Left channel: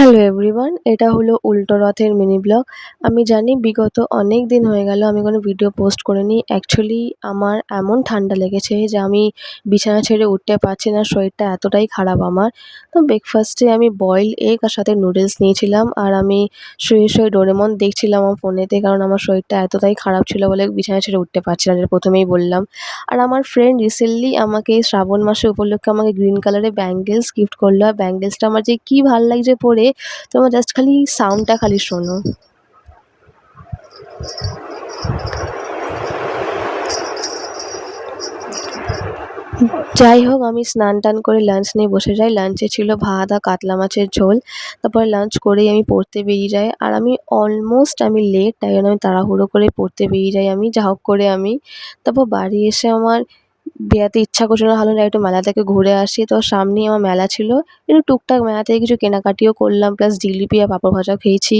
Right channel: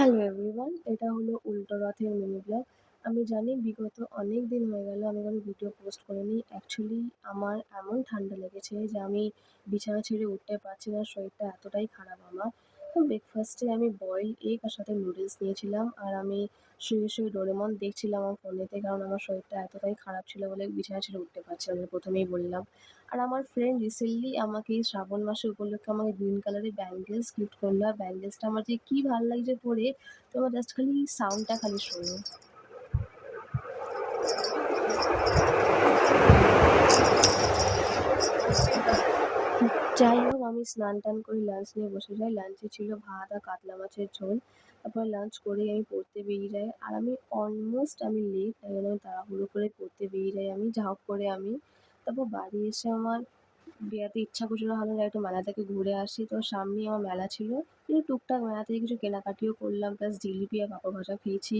Hello everyone, এটা হলো উল্টো রথের মিনি ব্লগ। আমি জানি বিগত অনেক দিন হয়ে গেল আমি কোনো ভিডিও পোস্ট করিনি। অ্যাকচুয়ালি আমার এমন ঠান্ডা লেগেছে যে আমি বিছানা ছেড়ে উঠতে পারছি না, শরীরটা এতটাই খারাপ আমার। তো ব্রেকফাস্টে আমি বয়েলড এগ আর সাথে নুডলস নিয়েছিলাম, আর আমি শুয়ে ডোরেমন দেখছিলাম আমার ফোনেতে, কারণ আমার শরীরটা এতটাই খারাপ ছিল বলে বিছানা ছেড়ে উঠতে পারছি না, যেটা প্রথমেই বললাম। আর আমার ফ্রেন্ড রিসেন্টলি আমাকে শ্রাবণ মাসে উপলক্ষে আমাকে গ্রিন কালারের ব্যাঙ্গেলস গিফট করলো। আর ব্যাঙ্গেলসটা আমার যে কি ভাল লাগছে পরে, তোমরা জাস্ট খালি সাউন্ডটা খালি শোনো। যাই হোক, আমি স্নান-টান করে লাঞ্চ নিয়ে বসে যাই। লাঞ্চে ছিল ভাত আর কাতলা মাছের ঝোল। তারপরে লাঞ্চ করেই আমি পড়তে বেরিয়ে যাই। আর আমি লেট, তাই জন্য আমি তাড়াহুড়ো করে পড়তে বেরিয়ে যাই আমি, যা হোক করে আমি। তারপর বাড়ি এসে আমার বেরাতে ইচ্ছা করছিল না, ভাবলাম যাই একটু মেলা থেকে ঘুরে আসি। তো সামনেই আমার মেলা ছিল। একটু টুকটাক মেলা থেকে কিছু কেনাকাটিও করলাম, প্লাস জিলিপি আর পাঁপড় ভাজাও খেয়েছি।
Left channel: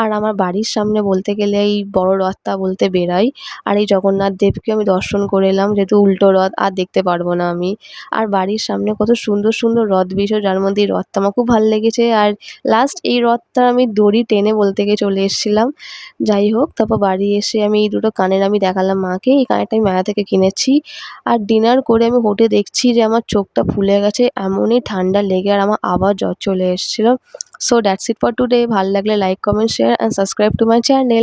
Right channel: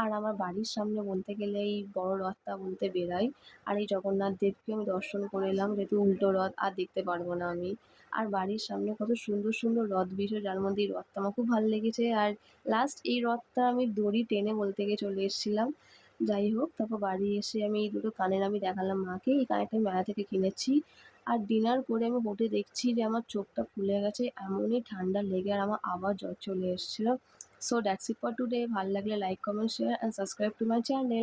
আর আমার বাড়ির সামনে বলতে গেলে এই বড় রথটা বলতে বেরাই। আর এই জগন্নাথ দেবকে আমি দর্শন করে এলাম, যেহেতু উল্টো রথ আর দেখতে পারবো না আমি। আর বাড়ির সামনে কত সুন্দর সুন্দর রথ বেরিয়েছিল, যার মধ্যে এই রথটা আমার খুব ভাল লেগেছে। আর লাস্ট এই রথটার আমি দড়ি টেনে বলতে গিয়ে চলে এসেছিলাম। যাই হোক, তারপর বাড়ি এসে আমি এই দুটো কানের আমি দেখালাম মাকে। এই কানেরটা আমি মেলা থেকে কিনেছি। আর ডিনার করে আমি উঠে দেখছি যে আমার চোখটা ফুলে গেছে, এমনই ঠান্ডা লেগে আর আমার আবার জ্বর চলে এসেছিল। So that's it for today. ভাল লাগলে like, comment, share and subscribe to my channel.